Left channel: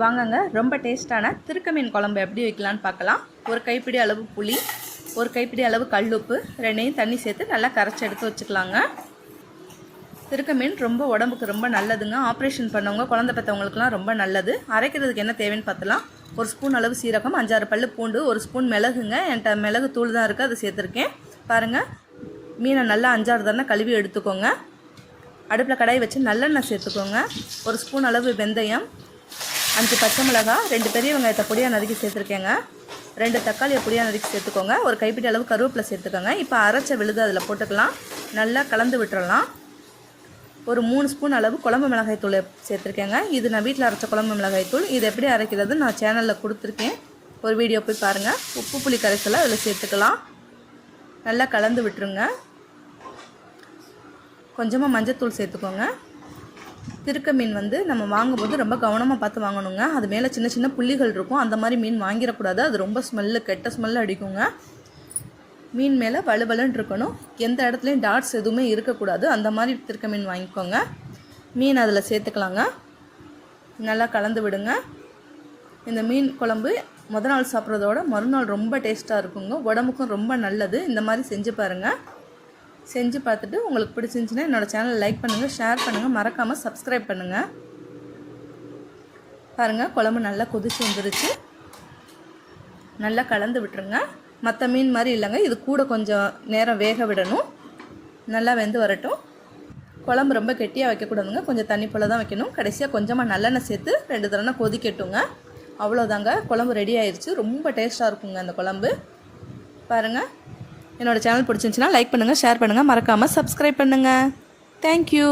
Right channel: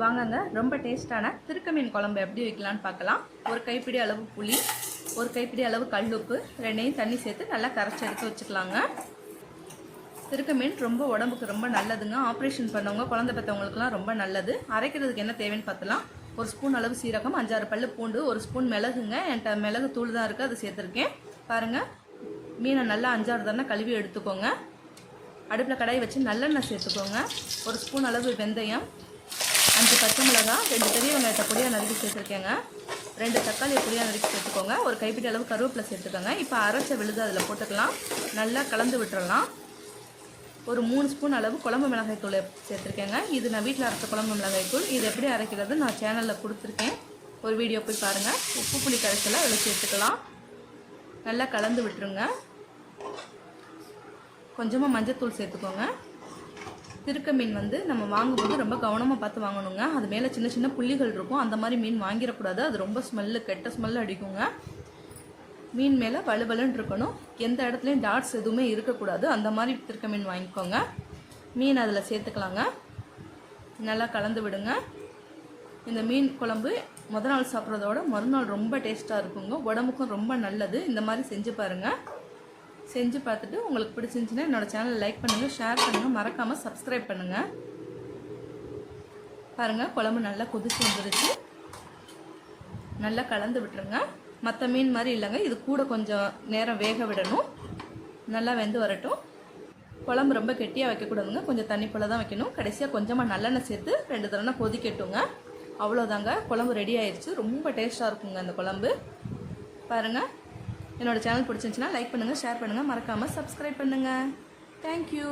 வாங்கங்க ரொம்ப டேஸ்ட்டான திருக்க மீன் குழம்பு எப்படி வைக்கலான்னு பார்க்கலாம். ஒரு கைப்பிடி அளவு புளி, ஒரு கைப்பிடி அளவு கல்லுப்பு, ரெண்டையும் தண்ணி சேர்த்து நல்லா கரைச்சி எடுத்து வச்சுக்கலாங்க. திருக்க மீன் ரொம்ப உடம்புக்கு ரொம்ப நல்லதுங்க. ஆப்ரேஷன் பண்ணவங்க, குழந்தை பெற்றவங்களுக்குலாம் ரொம்ப நல்லது. அரைக்கிறதுக்கு என்ன தேவைன்னு பார்த்தலாம். ஒரு ஸ்பூன் அளவு சீரகம், 5-6 பல்லு பூண்டு, ஒரு ஸ்பூன் மிளகுங்க. என்கிட்ட மிளகு தூள் தான் இருக்குது, அதை சேர்த்துருக்கேன். பாருங்கள், மீனை நல்லா 5-6 தானே கழுவி எடுத்துக்கோங்க. அடுப்பில் கடாய் வச்சு நல்லெண்ணெய் சேர்த்துக்கோங்க. ஒரு ஸ்பூன் அளவு வெந்தயம், 5 பச்சை மிளகாய், 2 பெரிய வெங்காயத்தை பொடியாக நறுக்கி சேர்த்துருக்கேங்க. 2 தக்காளியை பொடியாக நறுக்கி சேர்த்துக்கோங்க. ஒரு கைப்பிடி அளவு கருவேப்பிலை சேர்த்துக்கோங்க. இப்போ அரைச்ச விழுது அதில் போட்டுக்கலாம். நல்லா கலந்து விட்டுறலாம். ஒரு 3 ஸ்பூன் அளவு குழம்பு மிளகாய் தூள் சேர்த்துருக்கேங்க. இது நான் வீட்டில் அரைச்ச குழம்பு மிளகாய் தூள். இது எப்படி அரைக்கிறது நான் சேனலில் கொடுத்துருக்கேன், ஒரு வீடியோ போய் பாருங்கள். உப்பு புளி கரைசலை அதில் சேர்த்துக்கலாம். நல்லா கலந்து விட்டுருங்க. கொஞ்சமாக மஞ்சத்தூள் சேர்த்துக்கோங்க. திருக்க மீன் நம்ம வாங்கும்போது ரொம்ப கவனமாக பார்த்து வாங்கணுங்க. அது மேலே சின்ன சின்ன புள்ளிகள் இருக்கும். அந்த மாதிரி மீன் வாங்கிடக்கூடாது. அது ரொம்ப கெட்ட ஸ்மெல்லு அடிக்குங்க. மீன் மேலே வலுவலுன்னு இருக்கணும். எந்த இடத்துலையும் டாட்ஸ் எதுவுமே இருக்கக்கூடாது. அந்த மாதிரி திருக்க மீன் வாங்கிக்கோங்க. மீன் அதில் சேர்த்துக்கலாங்க. நல்லா கலந்து விடுங்க. இந்த மீன் குழம்பு முதல் நாள் சாப்பிட்றதோட மறுநாள் ரொம்ப டேஸ்ட்டாக இருக்குங்க. உடம்புக்கும் ரொம்ப நல்லது. இந்த மாதிரி செஞ்சு பாருங்கள். செஞ்சு பார்த்துட்டு உங்களுக்கு பிடிச்சிருந்துச்சின்னா என்னோடய சேனலை லைக் பண்ணுங்கள், ஷேர் பண்ணுங்கள், மறக்காமல் சப்ஸ்கிரைப் பண்ணுங்கள். பாருங்கள், குழம்பு நல்லா கொதிச்சு வந்துருச்சு. நல்லா கலந்து விட்டுருங்க. மற்ற மீன் மாதிரி இல்லைங்க, இது கூட கொஞ்சம் நேரம் வேக விடணும். நல்லா வெந்து வரட்டும். குழம்பு ரொம்ப கெட்டியாக வைக்கக்கூடாதுங்க, கொஞ்சம் தண்ணி போல் தான் வைக்கணும். கடைசியாக கொஞ்சமாக நல்லெண்ணெய் சேர்த்து 2 தடவை கொதிக்கட்டுங்க. அவ்வளோதாங்க, குழம்பு ரெடி ஆயிடுச்சு. ரொம்ப டேஸ்ட்டாக இருக்குங்க அந்த குழம்பு. பாருங்கள், என்னோடய சேனல் பிடிச்சிருந்துச்சின்னா லைக் பண்ணுங்கள், ஷேர் பண்ணுங்கள், மறக்காமல் சப்ஸ்கிரைப் பண்ணுங்கள். தேங்க்யூ.